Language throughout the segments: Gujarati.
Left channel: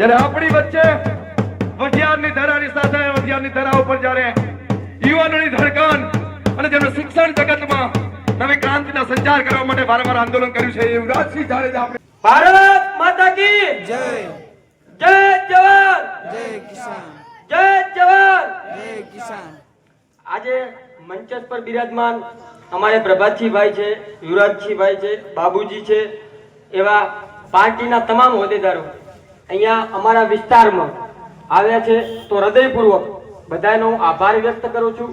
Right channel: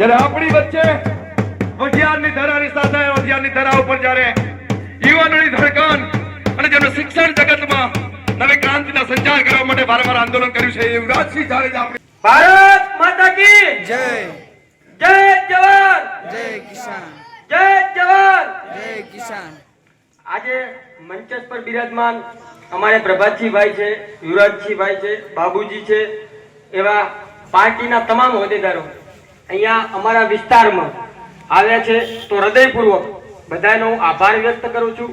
જ્યારે આપણી વચ્ચે વઢિયારની ધરાની સાથે વઢિયારની ધરા ઉપર જ્યારે યુવાનોની ધડકન અને જેમણે શિક્ષણ જગતમાં નવી ક્રાંતિનો સંચાર કરવા માટે વારંવાર આંદોલન કર્યું છે યુવરાજસિંહ જાડેજા ભારત માતા કી જય જય જવાન જય કિસાન જય જવાન જય કિસાન। આજે મંચ પર બિરાજમાન અમારે પ્રભાતસિંહભાઈ છે, યુવરાજસિંહભાઈ છે, બાબુજી છે, એવા પાર્ટીના તમામ હોદ્દેદારો અહીંયા અમારા વિસ્તારમાં આવ્યા છે, તો હૃદયપૂર્વક બધાનો આભાર વ્યક્ત કરું છું।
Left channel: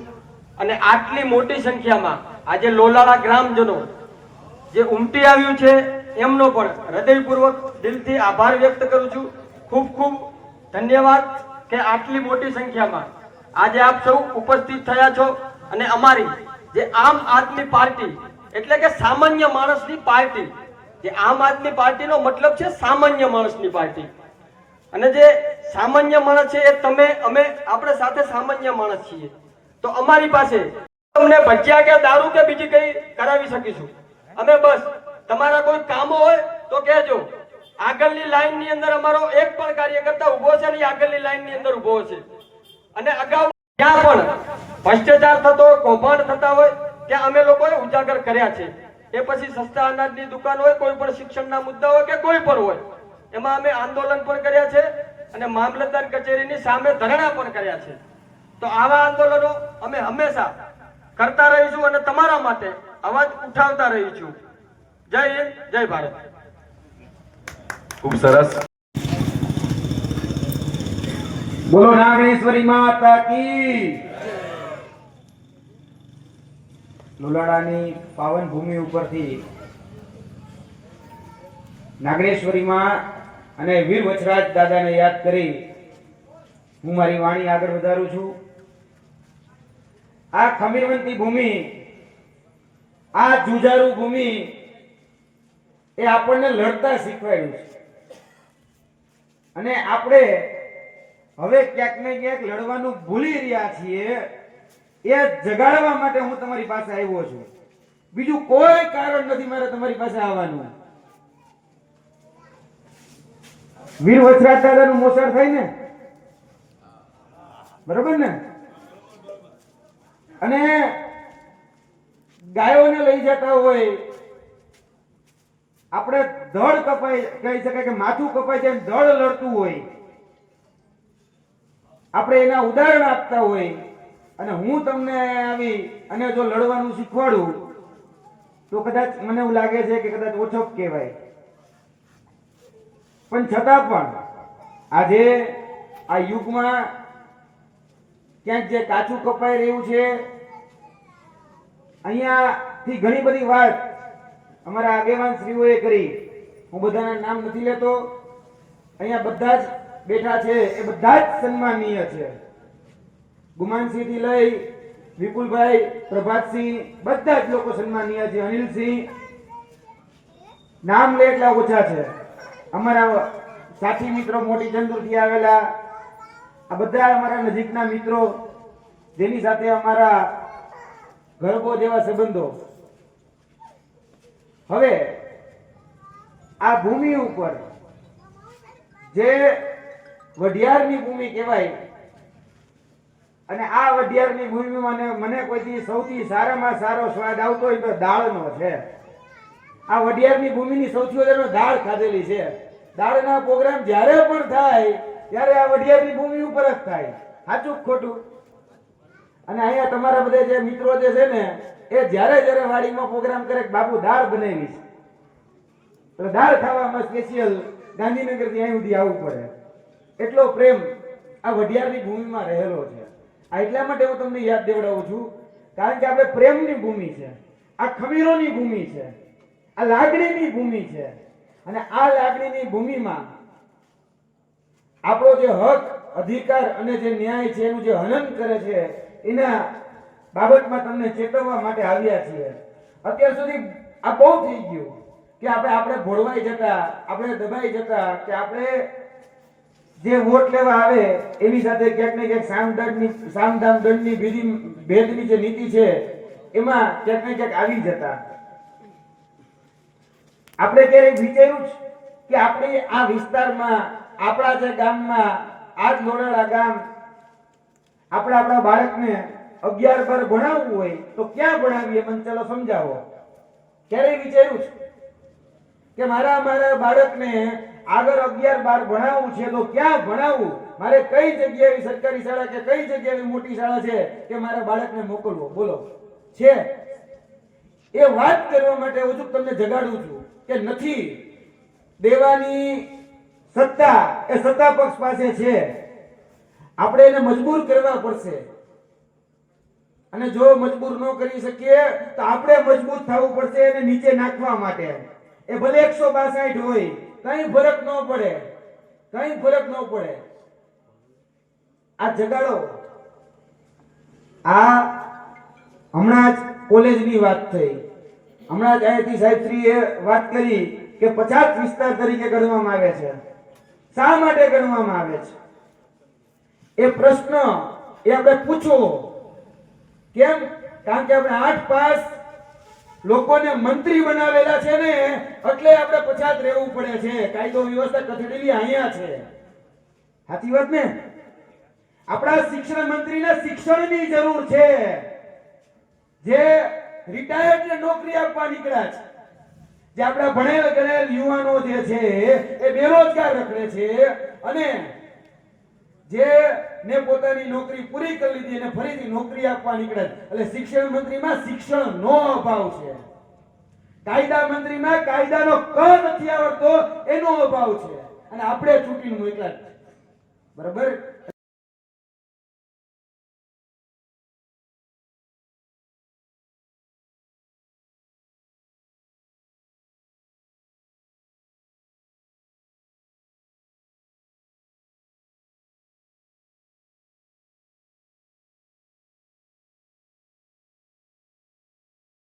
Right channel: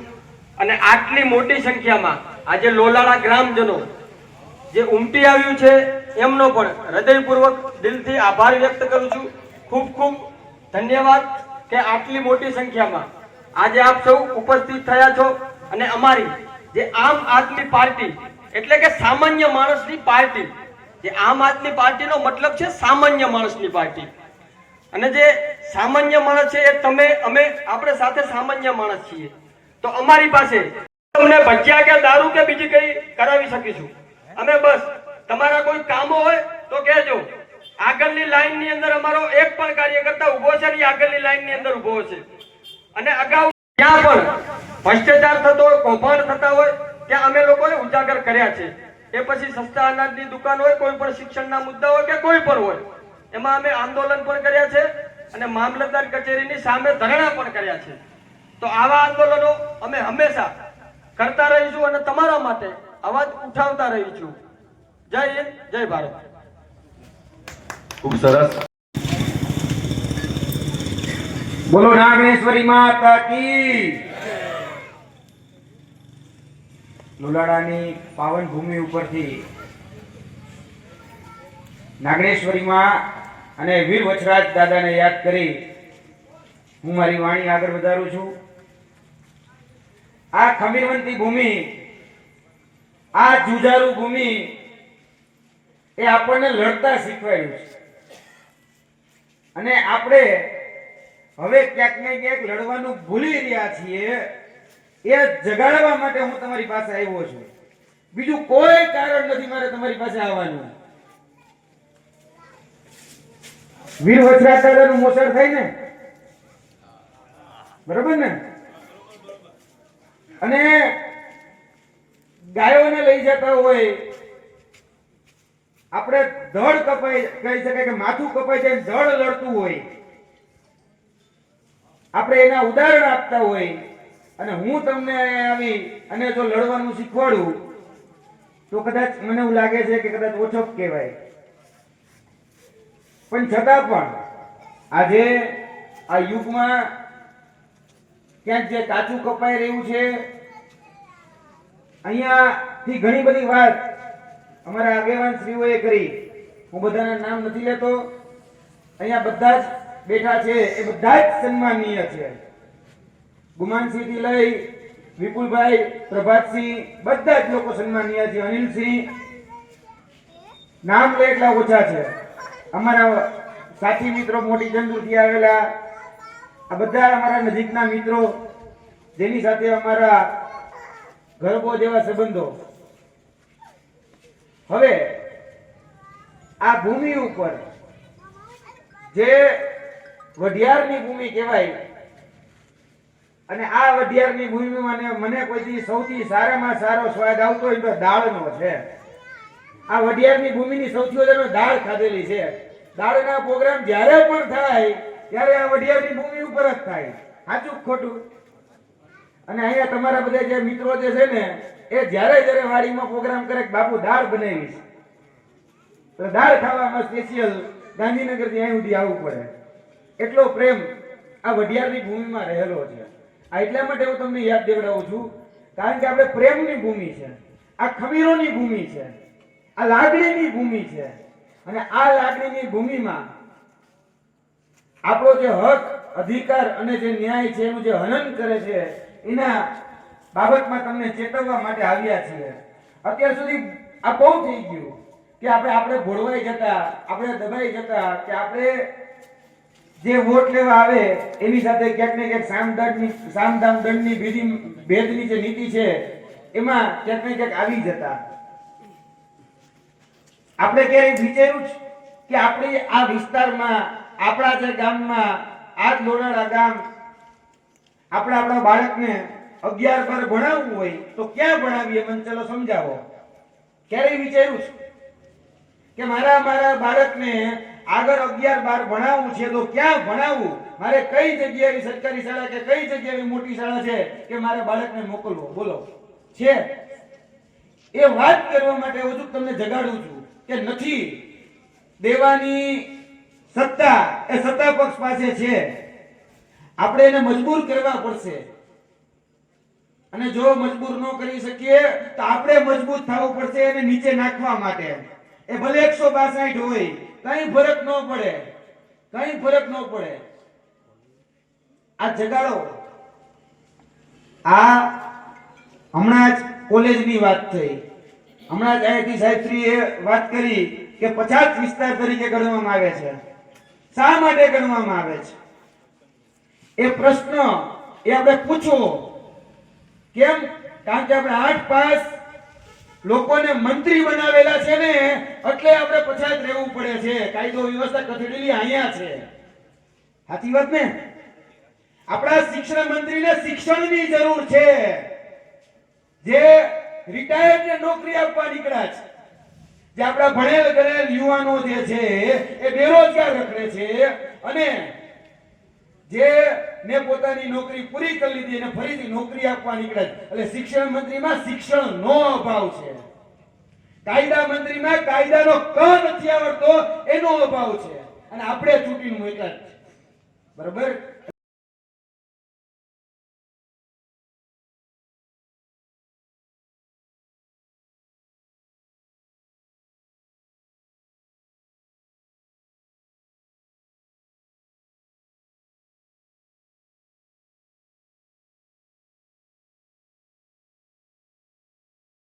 અને આટલી મોટી સંખ્યામાં આજે લોલાણા ગ્રામજનો જે ઉમટી આવ્યું છે એમનો પણ હૃદયપૂર્વક દિલથી આભાર વ્યક્ત કરું છું। ખૂબ ખૂબ ધન્યવાદ કે આટલી મોટી સંખ્યામાં આજે આપ સૌ ઉપસ્થિત થયા છો। અને અમારી જે આમ આદમી પાર્ટી એટલે કે સામાન્ય માણસની પાર્ટી, જે આમ આદમી પાર્ટીનો મતલબ છે સામાન્ય માણસની પાર્ટી, અને જે સામાન્ય માણસ છે એ તમે અમે આપણે સાથે સામાન્ય માણસ છીએ। તો અમારી પાસે તમને ભજીયા કે દારૂ કે બીજી કઈ કરાવી શકીશું અમે। બસ તમારા કોઈ કામો હોય તો કહેજો। આગળની લાઈન ની અંદર અમારો એક પણ કાર્યકર્તા ઉભો છે ને આગળની લાઈન ની અંદર ઉભો છે। અને અગાઉ ત્યાં પણ ભ્રષ્ટાચાર થતો હોય, કૌભાંડ થતા હોય ત્યાં અમે લોકોએ ઉજાગર કર્યા છે। એ પછી સસ્તા અનાજની દુકાન હોય, કોઈ પણ શિક્ષણના મુદ્દા હોય કે કોઈ પણ હોય, એમાં અમે આંદોલન પણ કર્યા છે અને મામલતદાર કચેરીની સામે ધરણા પણ કર્યા છે। તો આવા આંદોલનો અમે હંમેશા કરતા રહીશું અને તમારા માટે અવાજ ઉઠાવતા રહીશું। જય હિન્દ, જય ભારત। ખૂબ સરસ। બોલો નાગેશ્વરી માતા કી। લુલાડાની પાવન ભૂમિ ઉપરથી નાગેશ્વરીમાં અને વીર વચરાજ દાદાને યાદ કરી હું મારી વાણી આગળ વધારું છું। આ ખમીરવંતી ભૂમિ, આ જુજારુ ભૂમિ એ આપણને લડતા શીખવાડ્યું છે, અને આપણે હવે ક્યાંક ને ક્યાંક લડવાનું ભૂલી રહ્યા છીએ। એ જગાડવા માટે હું તમારી પાસે આવ્યો છું, બીજું કોઈ કારણ નથી મારે તમારી પાસે આવવાનું। વીર વચરાજ દાદાનું મોસાળ થાય ને, બરોબર ને? અને ગાયોને લઈ જતા હોય, આપણે ધડ કપાઈ કહી શકાય કે માથું કપાઈ જાય, ધડ લડતું હોય, આપણે એના ઉદાહરણ આપતા હોય, અને હું તમને આવી અને જો લડવાનું શીખવાડું તો કદાચ મને એવું લાગે છે કે કદાચ ઓછો કહેવાય, પણ છતાં પણ આજે આ યુગમાં ક્યાંક જે કાચું કપાઈ રહ્યું છે, અહીંયાથી ઘણી બધી વાત અમારા આગેવાન શ્રીઓએ કરી, હું બધાના નામ નથી લેતો, અહીંયા બધા જ બેઠા છે એ બધા જ સન્માનીય છે। ગુમાનસિંહ થી લઈ વિપુલભાઈ, પ્રભાતસિંહ, બધા જ લોકો સન્માનીય છે। અનિલસિંહ, નામ લે એટલા ઓછા છે। અમારા સાથી મિત્રો મોટી ચંદુરથી આવેલા, આ બધા અમારા નજીકના મિત્રો જેની સાથે અમારા ગર્ભો જેવા સંબંધો। હવે આ ભૂમિ ઉપર જે વઢિયારની ભૂમિ કહેવાય, અને આ વઢિયારની ભૂમિમાં મને કોઈથી સૌથી સારામાં સારો સ્વાદ આવતો હોય તો દાળનો છે। આ વઢિયારની ભૂમિની સૌથી વધારે દાળ ખાધેલી છે। દાળના પ્રોગ્રામ જ્યારે પણ થાય ત્યારે આ વઢિયારની ભૂમિ ઉપર જ થાય, સાચું ખોટું? અને અહીંયા તમારા બધા જે મિત્રો જે છે ને એ જ્યારે વાડીમાં પ્રોગ્રામ કરે કે બાપુ દાળ બનાવીશ, તો દાળ ખાવામાં સ્પેશિયલ ગાંધીનગરથી અહીં સુધી આવવું પડે, એટલો પ્રેમ આ વઢિયારની ભૂમિમાં રહેલો છે। આ એટલા માટે હું તમને યાદ દેવડાવું છું, કારણ કે આપણે પ્રેમની ભૂમિ છે, આ ખમીરોની ભૂમિ છે, આ લાગણીની ભૂમિ છે, અને આ લાગણીની ભૂમિમાં આપણો જે હક, અધિકાર અને જે ન્યાય છે એનું જે હનન કરે છે એના બાબતમાં તમને ચેતવવા માટે આવ્યા છીએ। અત્યાર સુધી આ બહુ થઈ ગયું કે આપણે ભોળવાઈ જતા, આપણે દબાઈ જતા, કે આપણે જે વોટ લેવા આવે એની સાથે ક્યાંક ને ક્યાંક સામદામ દંડની ભેદની જે નીતિ છે એમાં ક્યાંક ને ક્યાંક આવી જતા। આપણે ક્યારેય વિચાર્યું કે આપણે આ વિસ્તારમાં આપણા જે ગામમાં આ જ લોડાળા ગામ આપણા બાળકને 11-12 ભણાવવું હોય તો ક્યાં ભણાવીએ? મને ચલો સમજાવો. ક્યારેય વિચાર્યું છે કે મારા બાળકને આગળ 11-12 ભણાવવું છે તો ક્યાં ભણાવવું? મારે કઈ જગ્યાએ સરકારી શાળા કે કઈ જગ્યાએ મોટી શાળા છે કે મારા બાળકને મોકલવો? બોલો, છે? એ વાત કરવા માટે હજુ તમને જગાડું છું કે નથી. દેવાની સત્તા એ સત્તા પક્ષ પાસે છે. આપણે એને મજબૂર કરવા પડશે, અને જો મજબૂર ન કરી શકીએ તો આપણે મજબૂત થવું પડશે એને નીચે નાખવા માટે. એ ભલે 162 હોય, કઈ ફરક ન પડે, કઈ ફરક ન પડે. આ જગાડો. આ હમણાં જ કોલેજની વાત થઈ, હમણાં જ અહીંથી સાહેબશ્રીએ વાત કરી કે 50 વિસ્તાર તરીકે ગણવામાં આવે છે. શા માટે ગણવામાં આવે છે? એ પ્રશ્ન એ આપણે પૂછવો. કેમ? કારણ કે આપણે 8 પાસ લોકોને મંત્રી બનાવેલા છે ને, એટલે આપણે 50 રહેવું પડે છે. કાયદો વ્યવસ્થા કથળેલી અહીંયા છે. સાચી વાત ને? આપણા શિક્ષણ મંત્રીને શિક્ષણની જરૂર છે. જે રિટાયર્ડ ને નોકરી આપવા નીકળ્યા છે, જે આપણા ભણેલ ગણેલ યુવાનો જે છે એ બેરોજગાર રખડે છે, અને જે ને પોતાની નોકરી પૂરી કરી લીધી અને ફરીથી નોકરી આપવા નીકળ્યા છે. એટલે શિક્ષણ મંત્રીમાં શિક્ષણનો અભાવ છે. કાયદા મંત્રીમાં કાયદાનો ક નથી આવડતો એનો અભાવ છે, અને આપણે ચૂંટીને મોકલ્યા છે. બરાબર?